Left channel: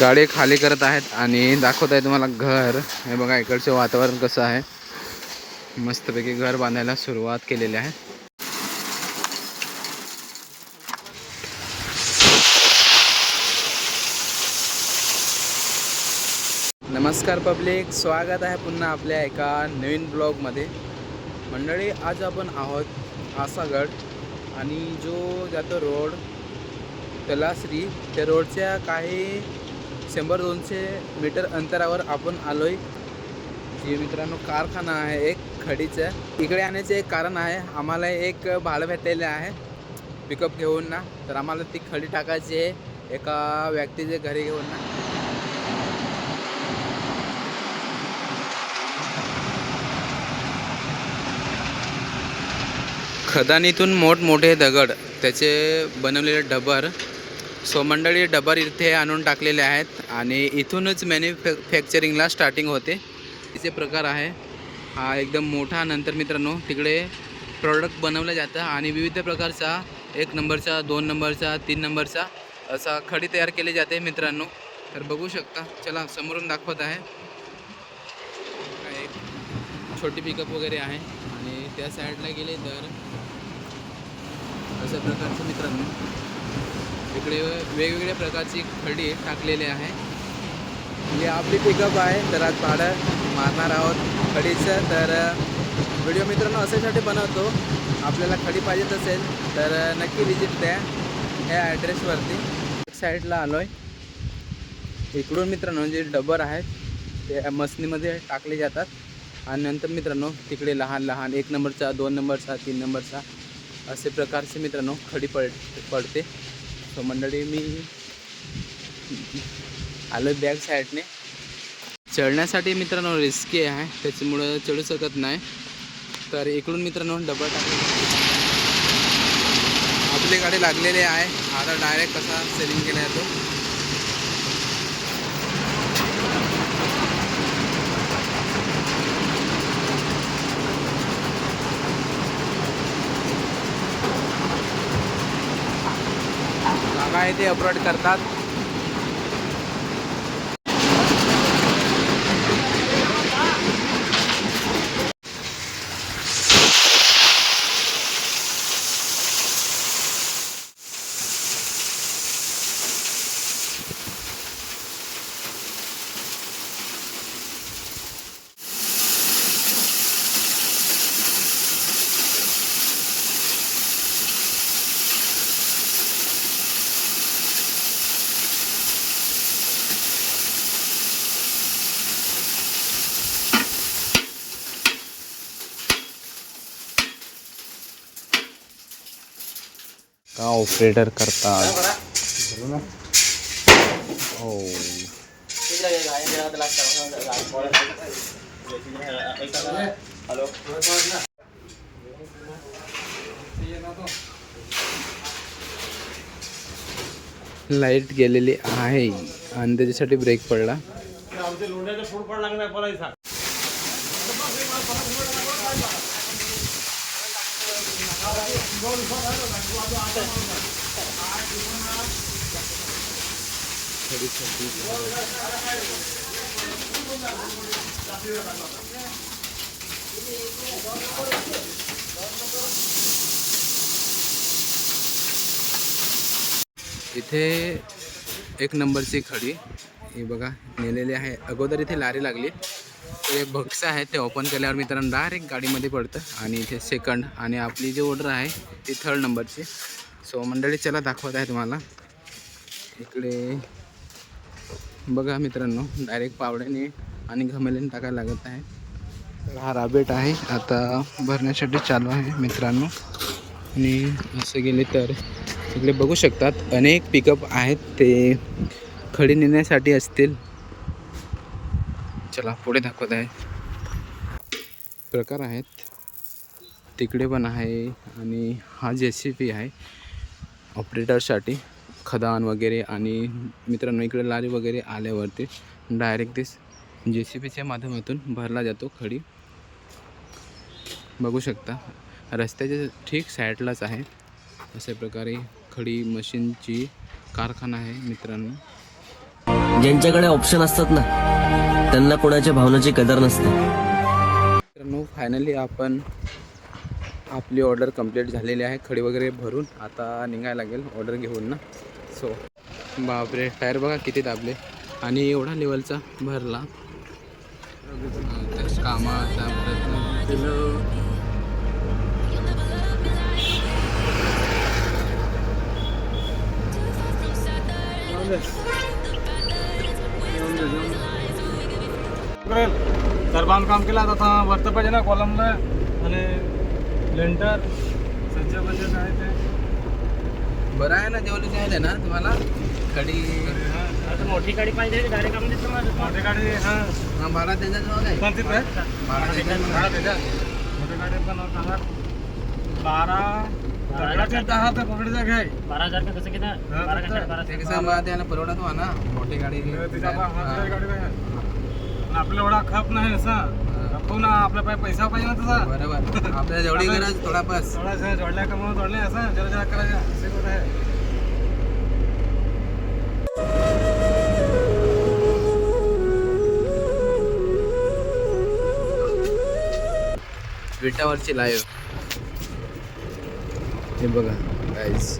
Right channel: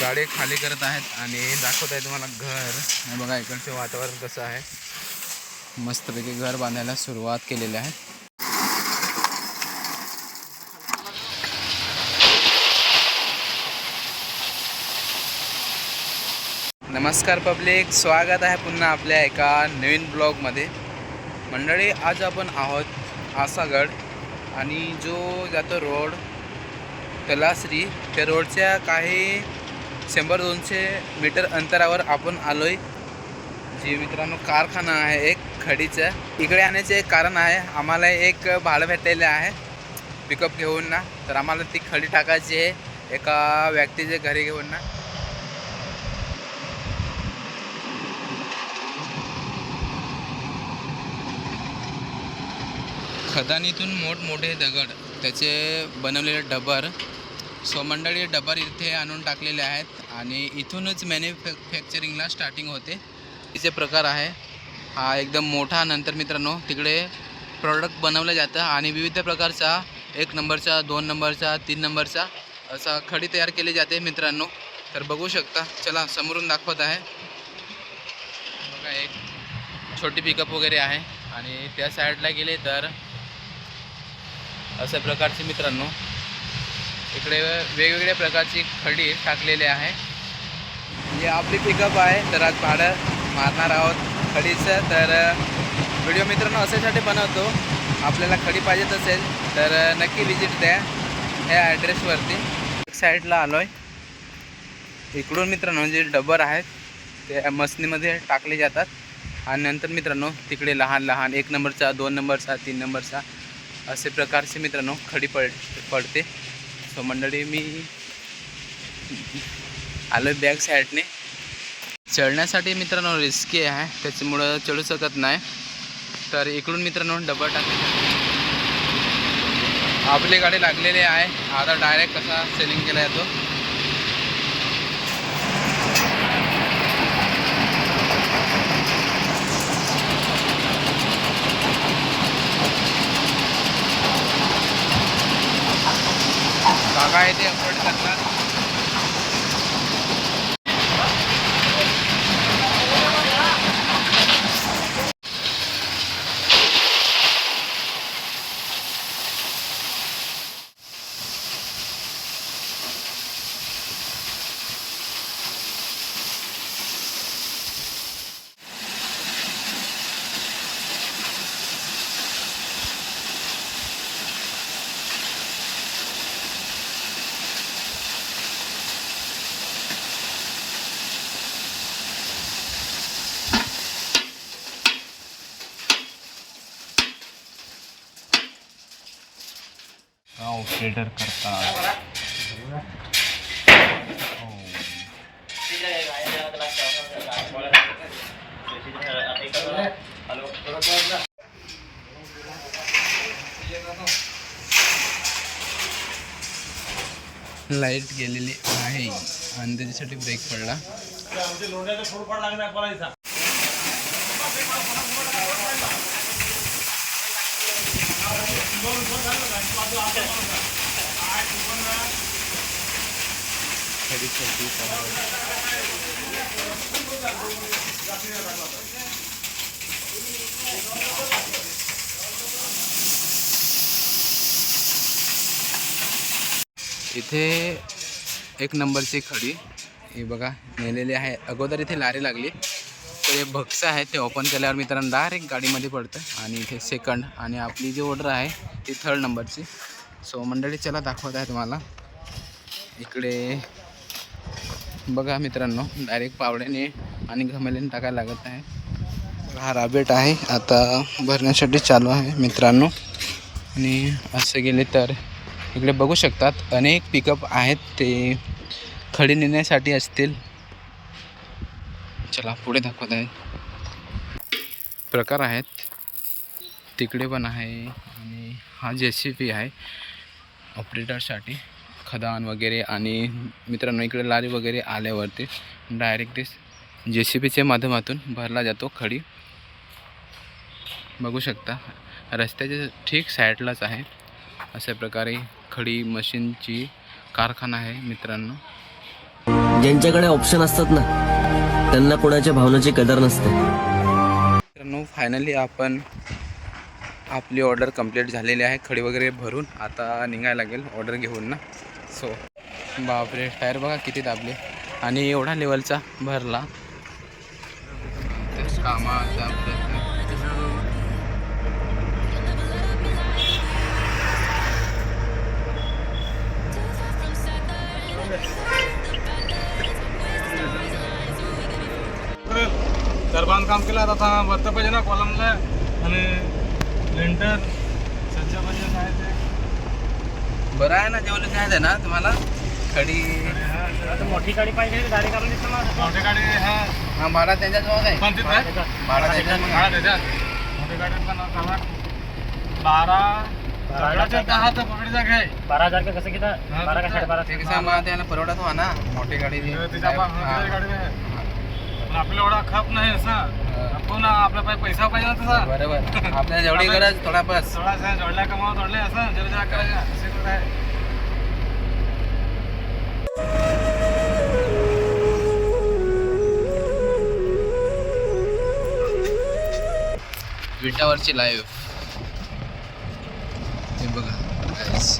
गाडी खाली करत आहेत आणि दाखवत आहे तुम्हाला घर. हे बघा इकडचं वातावरण कसं आहे. मस्तपैकी घर बांधायला सुरुवात केलेली आहे. नमस्कार पब्लिक स्वागत आहे पुन्हा आपल्या एका नवीन ब्लॉगमध्ये. मंडळी आज आपण आहोत आसागड आणि जो जातो रोड तलासरी त्या रोडच्या काही शंभर दोनशे मीटर अंतरावर आपण आलो आहे जे मित्रांनो कारखाना आहे एक खडीचं. इकडे आणायचं एक कारण आहे आम्हाला एक भाडं भेटलेलं आहे पिकअप घेऊन ना. तर आम्हाला ती खडी टाकायची आहे एका व्यक्तीच्या घरी घेऊन ना. खदानीतून मोठमोठे दगड त्याचे बनवलेले डबर सो मंडळी डबर इथे आणून टाकलेले आहेत आणि इथूनच मॅन्युफॅक्चरिंगला स्टार्टिंग होते. तिचे प्रकार आहे. हा एकदम मोठा नंतर मित्रांनो तिकडे प्रॉडक्ट बनवलं जातं आणि विविध प्रकारचा एक नंबरचा दोन नंबरचा तीन नंबरचा असा खडी तयार केली जाते मित्रांनो. तर बघू शकता चला समोरून दाखवत आहे. बघा एक छोटी पिकअप वगैरे आहे आणि त्या साईडला गेले तर अशा प्रकारचे मित्रांनो. इकडे वेगवेगळ्या प्रकारची खडी टाकलेली आहे. ही आपली पिकअप आहे. तर आज भाडं मारणार आहोत खडीचं. तर व्हिडिओ मित्रांनो असेसाठी बनवतो. आपल्याला खडी पाहिजेत असेल तर नक्की विजिट द्या ह्या ॲड्रेसवरती साईडला आलो आहे इकडून मित्रांनो जे डबर आहेत ते मसनीमध्ये टाकले जातात. आणि नंतर मित्रांनो तिकडे लहान लहान एक नंबरचा दोन नंबरचा तीन नंबरचा असे प्रकारचे मित्रांनो खडी पड पडते. सो मंडळी मी आलो बॅग साईडने. चढण्यासाठी मित्रांनो रिस्की आहे त्याच्यामुळं चढू शकत नाही. तर इकडून मित्रांनो डबल टाकले आपली गाडी लागलेली आहे. आता डायरेक्ट कसा सेलिंग केला जातो. काका ते अपलोड करतात. का ऑपरेटर करतात हो. लाइट गेलेली आहे. आणि त्याच्यासाठी ब्रेक पडला खडीसाठी इथे एक नंबरची खडी हे बघा नेलेली आहे. अगोदर इथे लारी लागली. तर हे भक्स आहे ते ओपन केल्यावर मित्रांनो डायरेक्ट गाडीमध्ये पडतं. आणि इथे सेकंड आणि आपली जी ऑर्डर आहे ती थर्ड नंबरची सो मंडळी चला दाखवत आहे तुम्हाला. इकडे बघा मित्रांनो डायरेक्ट पावड्याने आणि घमेल्याने टाकायला लागत आहे. तर हा राबेट आहे. आता भरण्यासाठी चालू आहे मित्रांनो. आणि असं गेले तर इकडे बघू शकतात अनेक पिकअप आहेत. ते खडी नेण्यासाठी असतील. चला पुढे दाखवत आहे. प्रकार आहेत. तिकडे पण आहे आणि हा जे सी पी आहे. ऑपरेटरसाठी खदान वगैरे आणि मित्रांनो इकडे लारी वगैरे आल्यावरती डायरेक्ट ते जे सी पीच्या माध्यमातून भरला जातो खडी. बघू शकता रस्त्याच्या ठीक साईडलाच आहे. अशा प्रकारे खडी मशीनची कारखाना आहे मित्रांनो. ज्यांच्याकडे ऑप्शन असतात ना त्यांना कोणाच्या भावनाची कदर नसते. मित्रांनो फायनली आपण आपली ऑर्डर कंप्लीट झालेली आहे. खडी वगैरे भरून आता निघायला लागेल ऑर्डर घेऊन ना. सो बापरे टायर बघा किती दाबले. आणि एवढा लेवलचा भरला. कामा प्रयत्न तर बांधकाम केलं आता वरतं पाहिजे ना कॉलमला आणि लेंटर सज्ज पाहिजे काय ते. बरं आहे ना जेवढं आहे ना तुम्हाला? खडी. मोठी गाडी पाहिजे गाडी मोठी गाडी हा. हा भाडा त्यांच्याजवळ आहे. पण तिथे भाडा हा त्याच्यात मोठी गाडी पण बारा तर बारा हा, बारा तर- साडेबारा? ते हो ना मोठी गाडी पण आपल्याला एवढा खप नाही असा आपण पाय पैसा पाहिजे ना तसा बरोबर. आपल्याला जेवढी गरज थोडा बस. थोडा जोडल्या कमाव जोडले असं. जरा जरा करायचं असे कुठं आहे? विटावरची लाईव्ह हे बघा गाईज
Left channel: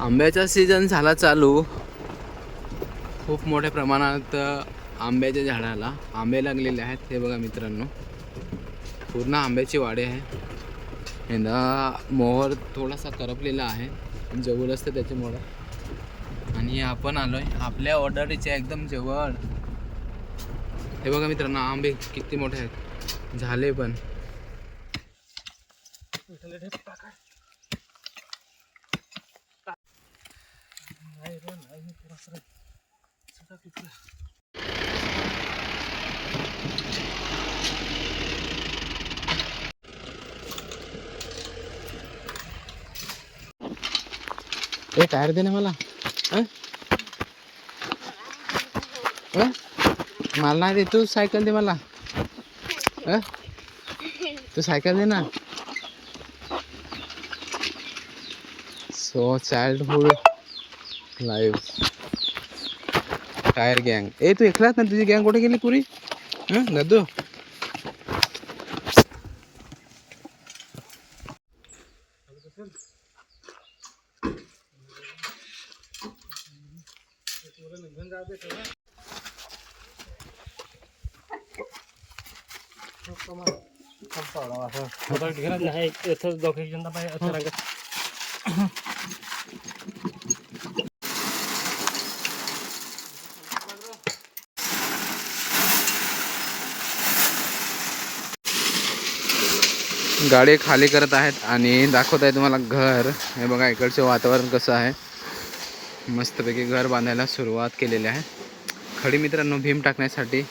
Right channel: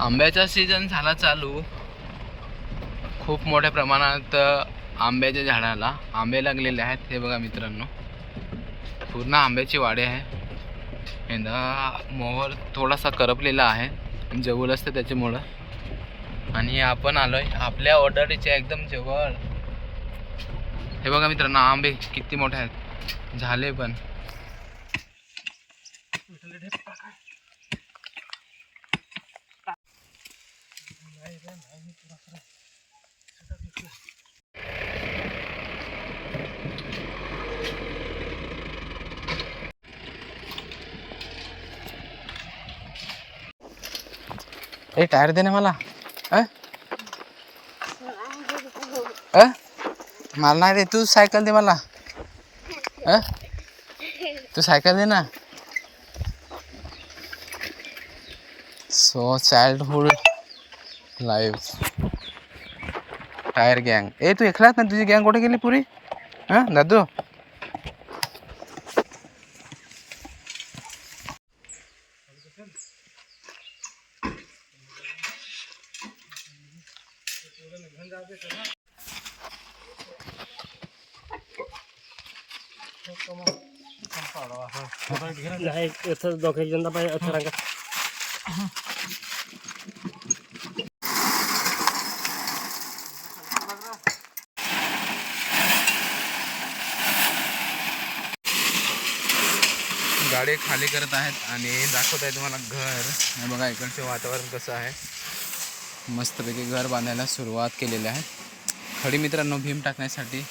आंब्याचा सीझन झाला चालू. खूप मोठ्या प्रमाणात आंब्याच्या झाडाला आंबे लागलेले आहेत हे बघा मित्रांनो. पूर्ण आंब्याची वाडे आहे. यंदा मोहर थोडासा करपलेला आहे. जवळ असतं त्याच्यामुळं. आणि आपण आलो आहे आपल्या ऑर्डरीच्या एकदम जवळ. हे बघा मित्रांनो आंबे किती मोठे आहेत. झाले पण. ए टायर दे ना मला. अ? मला नाही दे तू सायकल दे मला. अ? तू सायकल दे ना. सो चाइल्डहुड लाईफ टायर गँग ए तू एकलाच ना? तुझी गँग कुठे गेली पुरी? हां दादू? नाही दोघे पाहिजे रंग. गाडी खाली करत आहेत आणि दाखवत आहे तुम्हाला घर. हे बघा इकडचं वातावरण कसं आहे. मस्तपैकी घर बांधायला सुरुवात केलेली आहे. खडी मित्रांनो भीम टाकण्यासाठी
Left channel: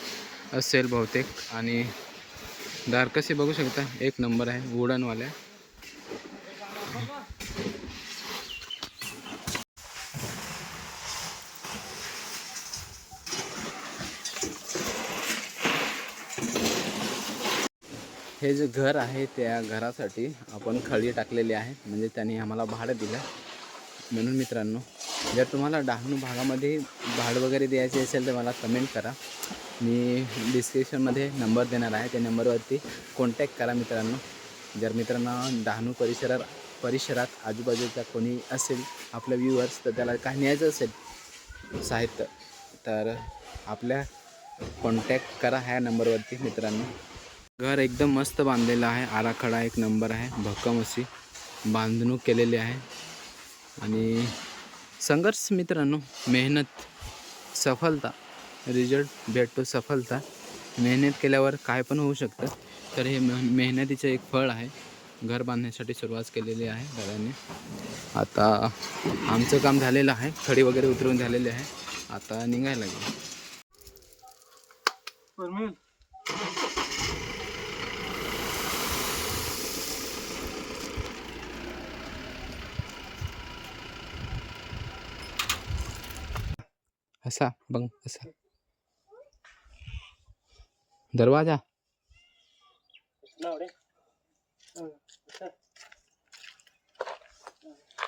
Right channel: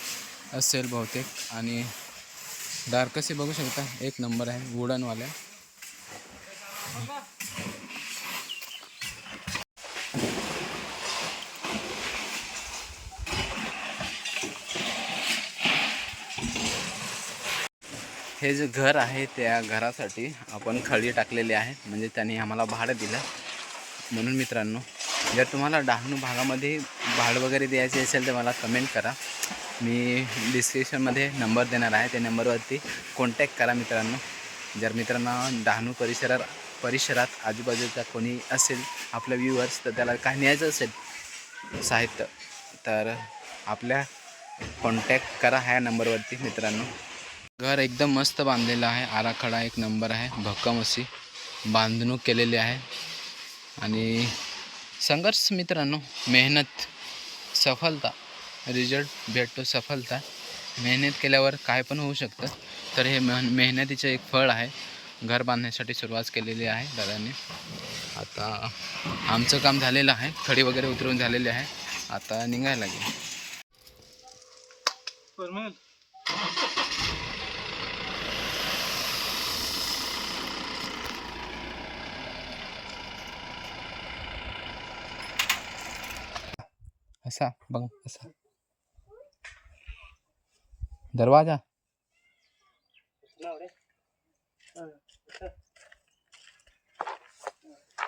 असेल बहुतेक. आणि दार कसे बघू शकता? एक नंबर आहे वुडनवाल्या. हे जे घर आहे त्या घरासाठी आपण खळी टाकलेली आहे. म्हणजे त्यांनी आम्हाला भाडं दिलं. म्हणून मित्रांनो जर तुम्हाला डहाणू भागामध्ये भाडं वगैरे द्यायचे असेल तर मला कमेंट करा. मी डिस्क्रिप्शनमध्ये नंबर देणार आहे. त्या नंबरवरती कॉन्टॅक्ट करा मित्रांनो. जर मित्रांनो डहाणू परिसरात परिसरात आजूबाजूचा कोणी असेल आपल्या व्ह्यूअर्स तर त्याला काय न्यायचं असेल साहित्य तर आपल्या कॉन्टॅक्ट करा ह्या नंबरवरती मित्रांनो. घर एकदम मस्त बांधलेलं आहे. आराखडा एक नंबर आहे. भक्कम अशी बांधणूक केलेली आहे. आणि संघर्ष मित्रांनो मेहनत सफलता रिझल्ट भेटतो सफलता. मेहनत केल्यावर काय पण होऊ शकतं. तर हे मेह मेहनतीचं एक फळ आहे. घर बांधण्यासाठी सुरुवात केलेली आहे दादांनी. आता आमचं काम झालेलं आहे. खडी वगैरे उतरून झालेली आहे. आता निघायला लागेल. असा बघ असा दरवाजा?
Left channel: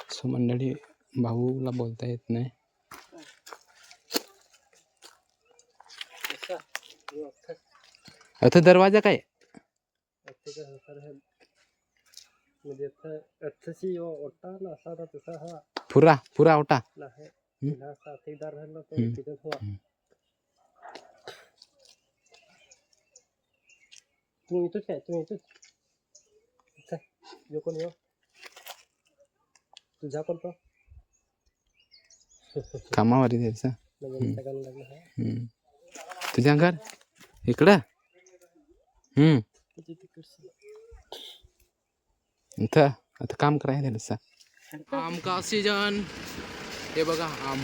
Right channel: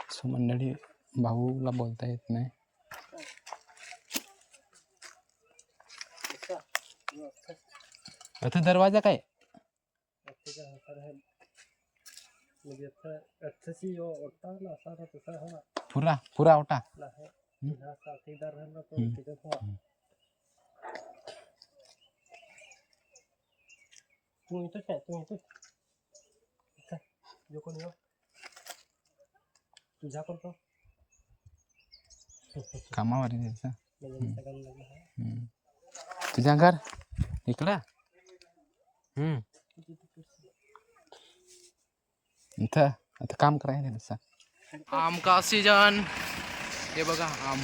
सो मंडळी भाऊला बोलता येत नाही. अर्थ दरवाजा काय? पुरा पुरा ओटा साथीदार म्हणजे अच्छा अच्छी यो ओटा ना असा ना तसा हा पुरा पुरा ओटा ना है हम्म. ना साथीदार है ना तो हम्म. तिथे हुआ हम्म. तू इथंच आहे तू इथंच अच्छा यो कोण यो तुझा कोण तो कामावर आहे त्याचं हम्म. तुझ्या घर इकडं हम्म किती इथं आता काम करायचं त्याचं आम का सीजन हे बघा आम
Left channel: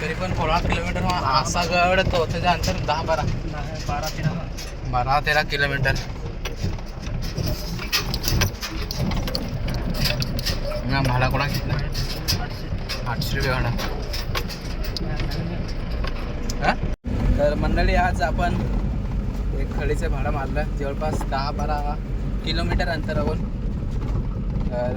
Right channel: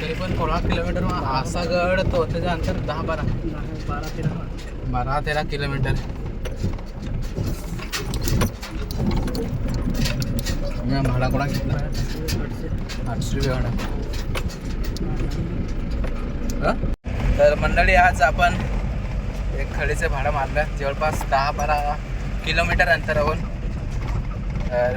तरी पण सोळा किलोमीटर असा गड तो त्याचं अंतर दहा बारा. बारा तेरा बारा तेरा किलोमीटर भाडा कोणा घेतला? आठशे आठशे रुपये भाडा तर मंडळी आज आपण एक खडीचं भाडं मारलं. जवळपास दहा बारा किलोमीटर अंतरावर तर